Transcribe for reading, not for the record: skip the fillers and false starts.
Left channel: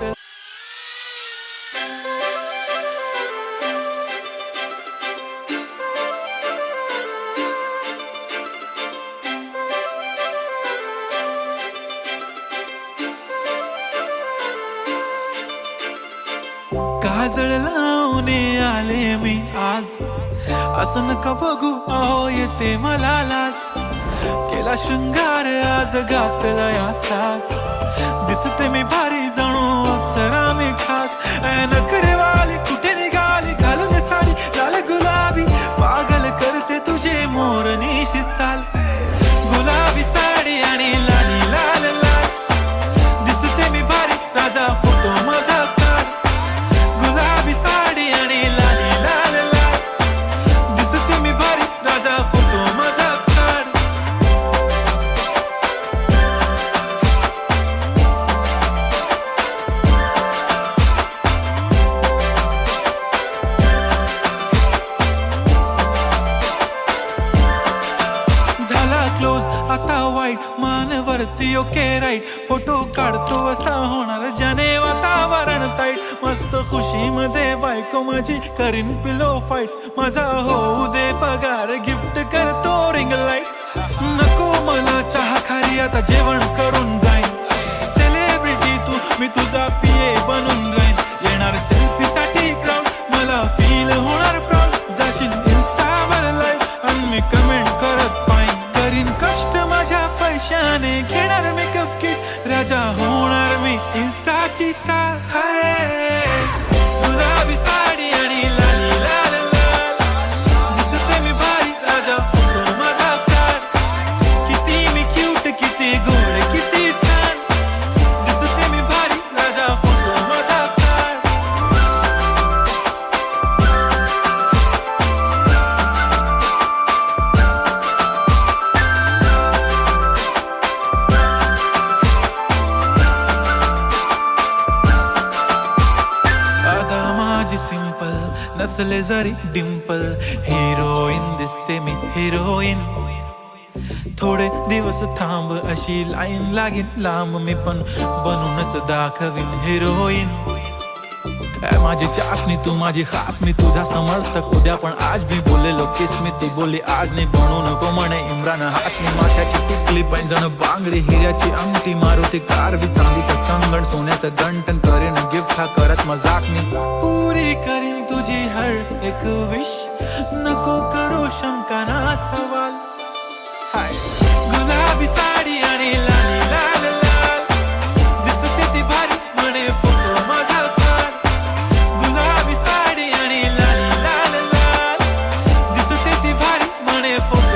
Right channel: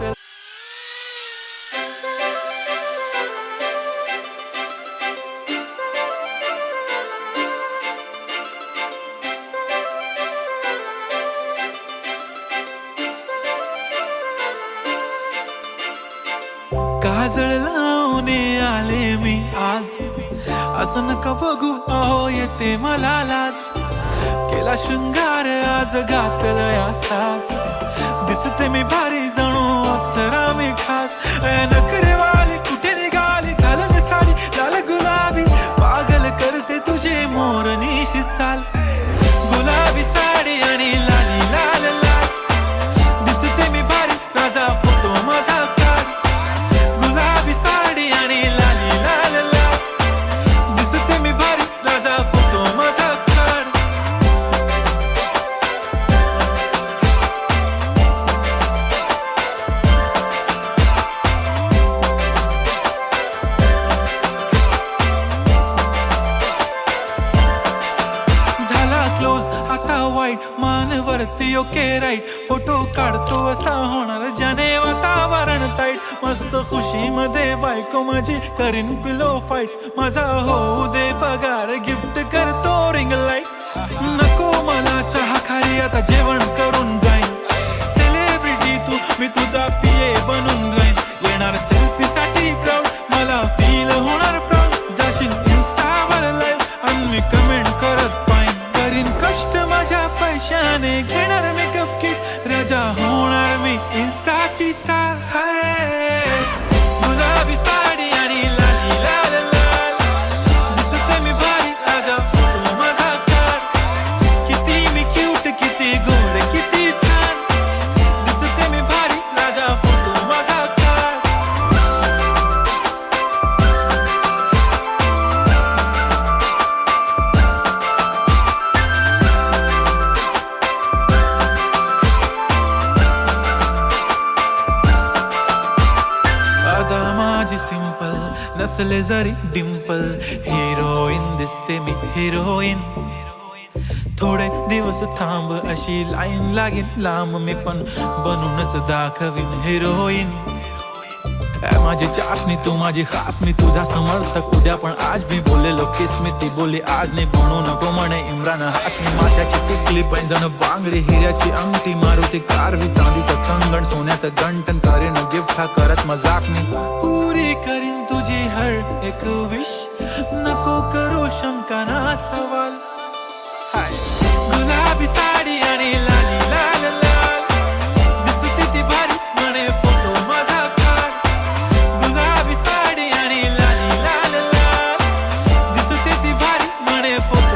गात. काजळ लावून आले मी आज, असं नका बघू अहो येते मला लाज. केला शृंगार आज घातला असाच, दिसते मी भारी जणू अप्सरा मी खास. नखरेवाली कुठे निघाली घालून साडी लाल गुलाबी, पागल करते तुझे मोरनीशी चाल. गुलाबी साडी आणि लाली लाल लाल, दिसते मी भारी राजा फोटो माझा काढ. गुलाबी साडी आणि लाली लाल लाल, दिसते मी भारी राजा फोटो माझा काढ. झाला क्लोज आता वाईट मानवरती ओके राईट, फोटो काढतो असा होणार ज्याने वातावरण ताईट. मस्त खुशी मध्ये बायको माझी करीन पिलो फाईट, माझा होऊ दे पगार गिफ्ट करतो रिंग लाईट. नको मला चहा खारी आता जेवण करून जाईन, सेलिब्रिटी तू मी तुझा पिये बनून राहीन. येणार सेल्फी साठी क्राऊड मला फील होणार प्राऊड, जाशील इन्स्टावर लाईव्ह आणि मी कमेंट करत पाईन. करीन कष्ट माझ्या पैशाने घेणार मेकअप किट, राजा होणार मी इन्स्टाची स्टार. हाय गुलाबी साडी आणि लाली लाल लाल, दिसते मी भारी राजा फोटो माझा काढ. किती मी क्यूट किती गोड किती छान, दिसते मी भारी राजा फोटो माझा काढ. आता माझी सिंपल नसले जरी डिंपल, हिरोईन दिसते मी हिरोईन. थोडे दिवस थांब अशी लाईन लागेल लांब, मी पण बनूनच दाखवीन हिरोईन. माझी चाशनी तू माझी खास, मी तुझा समर्थक उद्या पण आज मी बोलेलो किस मी, ती बोली आज नाही बनू नको म्हणे इम्रान हाशमी. माथ्याची टिकली पैंजण बांगडी हिऱ्याची अंगठी, मारुती कारवी चांदीचं कंगण सोन्याचं गंटन, करीन गिफ्ट हा करत मजाकनी. पुरी करीन तुझी हर एक विश, नको करू शंका ना सवाल. हाय गुलाबी साडी आणि लाली लाल लाल, दिसते ती भारी म्हणे फोटो माझा काढ. गुलाबी साडी आणि लाली लाल लाल, दिसते ती भारी म्हणे फोटो